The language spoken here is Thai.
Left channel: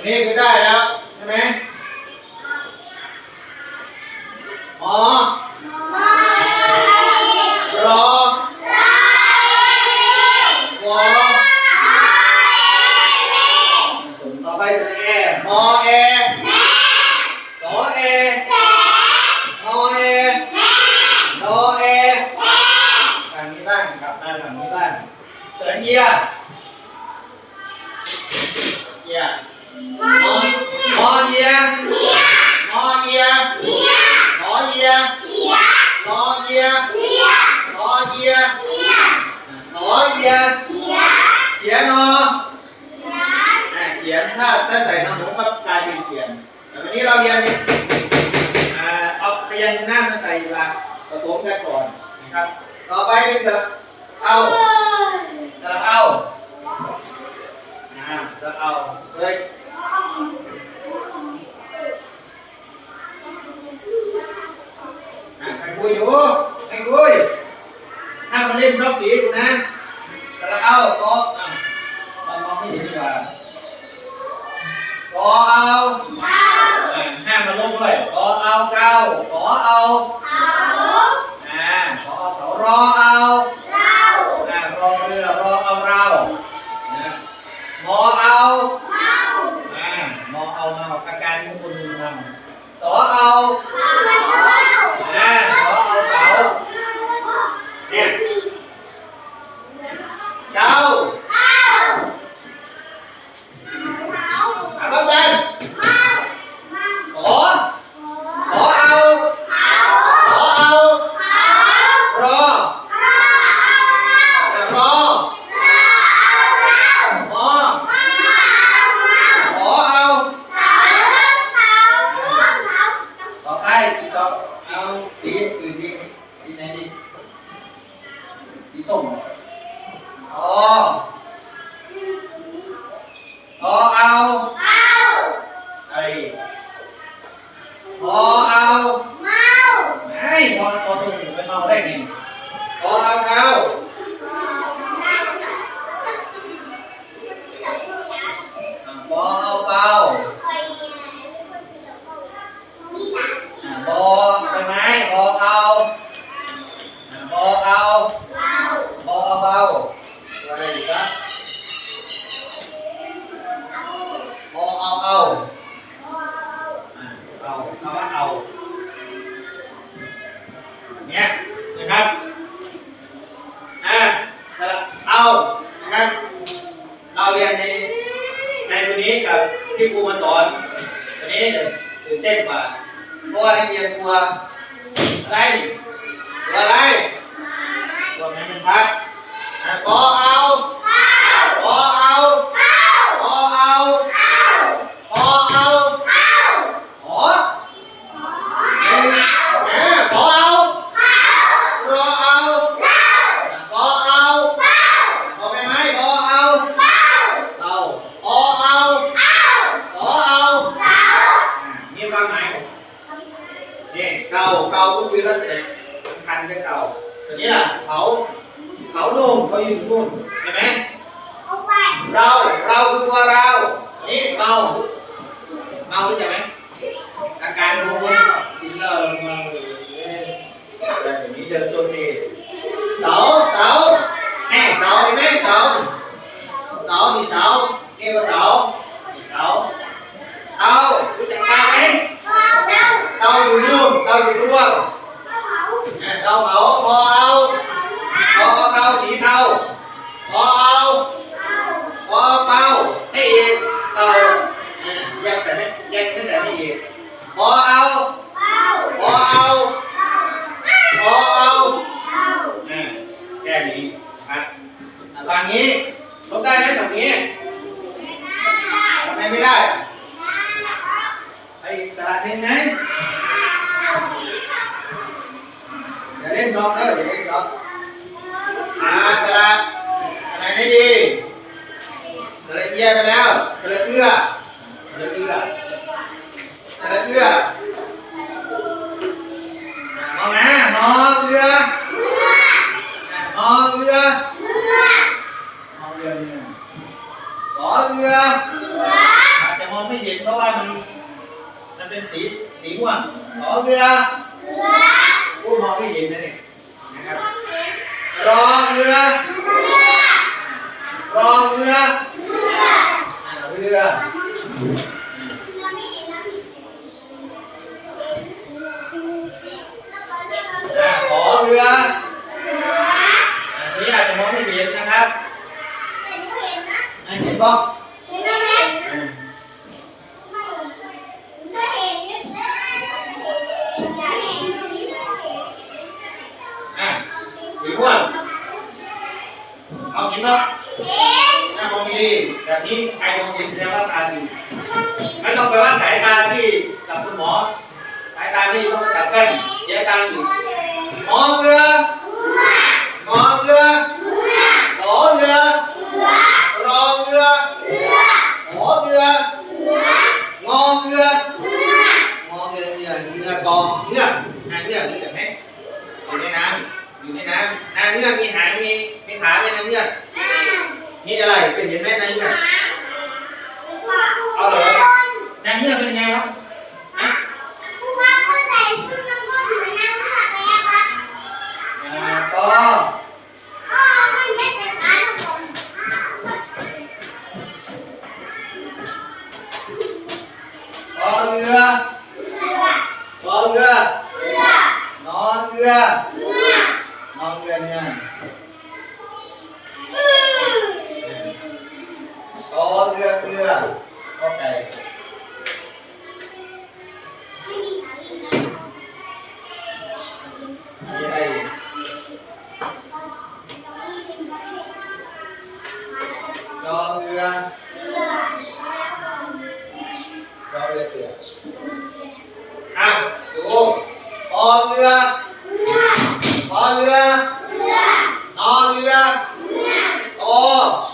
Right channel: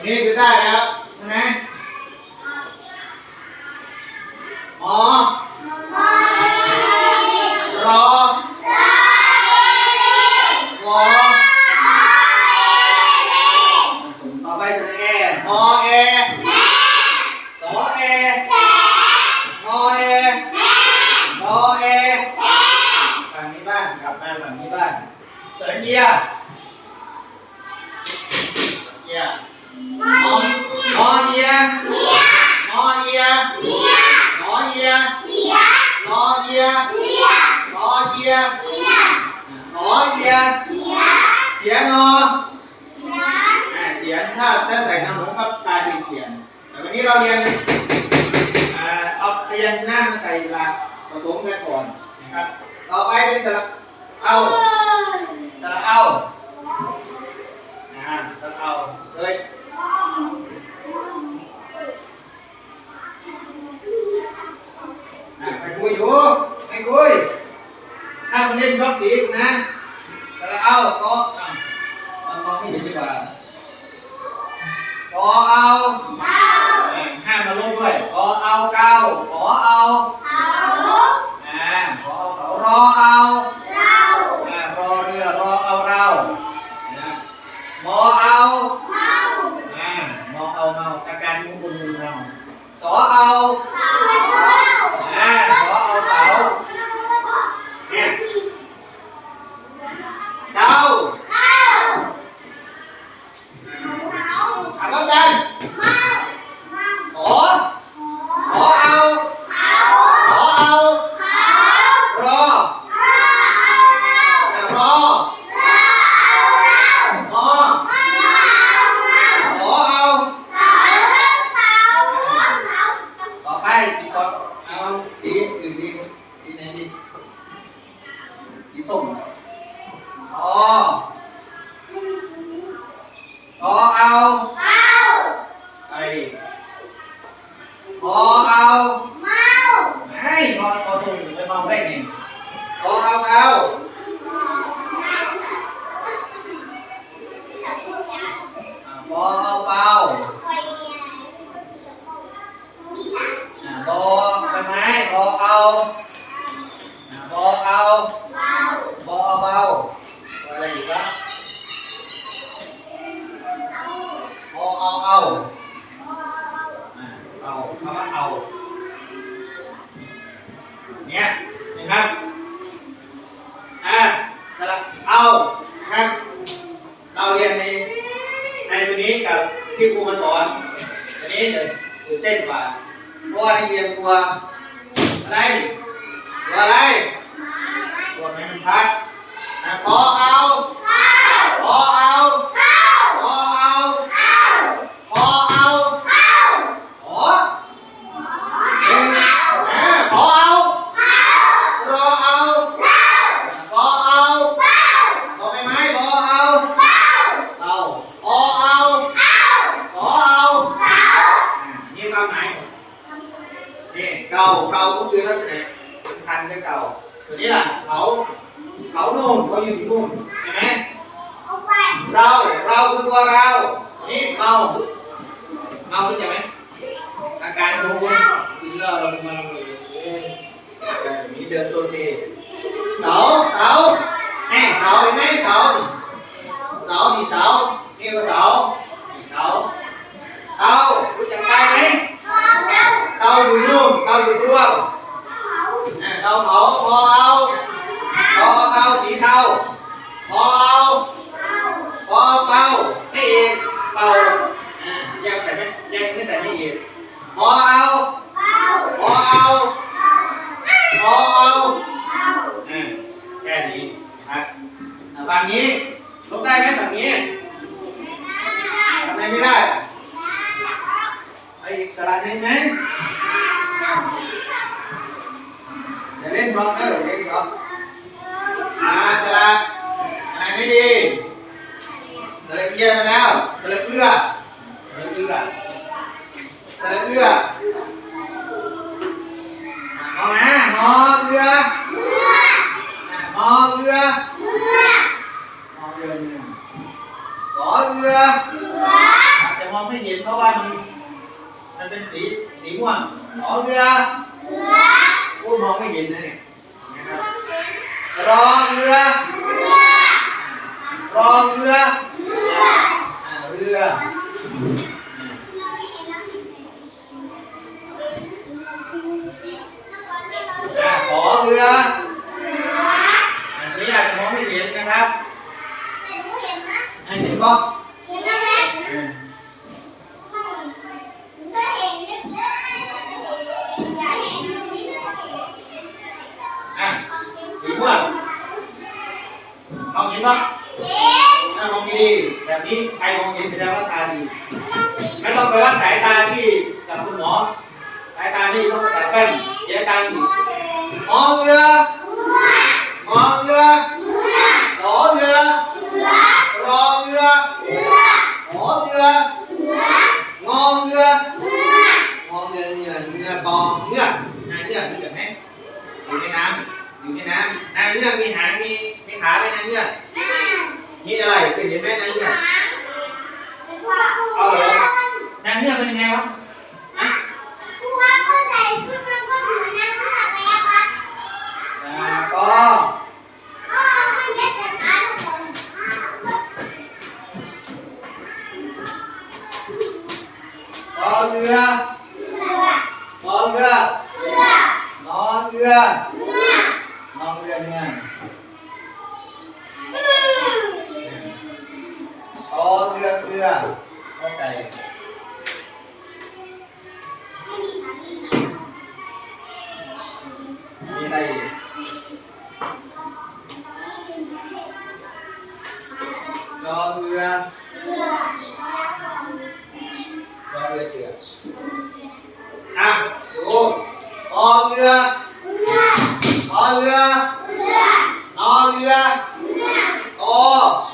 นนี้คือได้แล้วใช่ไหมหมอรอวอต่อไปตัวแอมอแอสอแอนอแอนอแอฝั่งนี้บ้างกลับมาฝั่งนี้บ้างเสริญเยีย เยียมอมอเยียมอเยียหอเยียรอเยียรอเยียหอเยียเขียนนออ่าเขียนถ้าถ้าใส่นอหนูก็กลายเป็นเขียนแต่วันนี้เราเรียนอ่าเอาพยัญชนะมาใส่หลักผสมกันก่อนนะครับ ต่อไปเป็นสระเอาสระเอาอ่าสระเอาเลยอ่าใครคุยอยู่ใครคุย ห้ามมาเล่นชอบสีกูนะสระเอาก็อะมามองให้เห็นดีกว่าก็เอาอ่าห้ามมาลบด้วยก็เอาเก้าขอเอาอ่าขอเอาเขารอเอาอ่ารอเรือรอเอาเรานะมอเอาอ่ามอเอาเมาอาการมุกุลมุนเมาสอเอาอ่าสอเอาเสาเนี่ยเก้าอะก็เป็นขอขอเอาขอเอา รออะรอมอขอเอาต่อไปอีกต่อเอาสีอื่นดีสีไหนดีสีส้มเหรออ๋อต่อเอาไอ้พอเอาไม่พอพอตรงไปเมาได้ไงพอเอาเอาอะพอเอาเบา อะพอใช่ไหมพอเอาอะพอเอาพอเอาเบาอะไรอีกครับพอเอาเอาเอาคำว่าเอาเนี่ยนะครับอะแต่ละเอานะครับเราเรียนในในตัวนี้กับที่ครูมาสอนตัวนี้จะตื่นเต้นกว่า เพราะว่านักเรียนกลัวอะไรกลัวอะไรกลัวไม่มันพัดขอเอาขอเอาขอเอาขอเอาขอเอ้ยแหมขอเอารอเอาขอเอาขอไปไหมขอเอาเอาขอเอาขอเอาอะมีความหมาย นี่ เก่าเก่าก็คือลักษณะสำคัญจะเก่าตัวนี้ล่ะเขาเขาโน่นเขาอยู่นู่นเห็นไหมเราเราคือตัวเรา นี่เมาเมารู้จักไหมอาการของคนกินเหล้าแล้วเมาเลยเอ้ยแบบนี้เดินตัวเซเสาเสาแน่เสาเห็นไหมเสาเสานี่เสานี่ก็เสาเสาเตารู้จักเตาไหม เตา อยู่นู่นเตาอยู่ร่วงอ่าเตาเผาพอเอาพอเอาเตาสีเทาพอเอาพอเอาเตาให้อีกเตาอ่ายังใส่ไม่ยังไม่ใส่ไม่เอีกพอเอาพอเอาพอเอาอ่าแค่นี้ครับอ่าฝั่งนี้ลบได้ไหมฝั่งนี้ทำไมไม่ได้ สลัดเยี่ยมไปแล้วสลัดเอื้อสลัดเอื้อสลัดเอื้อมองนะมอเอื้อมอเอื้อมอเอื้อเนี่ยขอเรืออาจจะมองไม่เห็นเพราะว่ามันมันเป็นสีสีม่วงขอเรือพูดมองไม่เห็นนะเนี่ยนะครับรอเรือ มองไม่เห็นนะครับอ่าเห็นป่ะอืมอ่าสีม่วงเอาเห็นป่ะอ่ามองดีๆแบบนี้ใครมองเห็นแสดงว่าตาดี ไม่ต้องไปวัดสายตาที่กับคุณหมอ สายตาไม่ดีต้องจับแป้นเสียตังค์อีกมองเรือมองเรือขอเรือรอเรือขอเรืองอเรืองอเรือเนี่ยเรือกองเงือกนางเงือกรู้จักไหมอยู่ในน้ำอยู่ในน้ำนางเงือกมีหางมีมีขาไหมนางเงือกมีอะไรเป็นเห็นไหมนางเงือกนางเงือกเป็นยังไงวะฮะอ่าก็รอเรือรอเรือรอเรือรอเรือเนี่ยรอเรือ เรือโอเคมีอะไรอีกรอเรื อรอ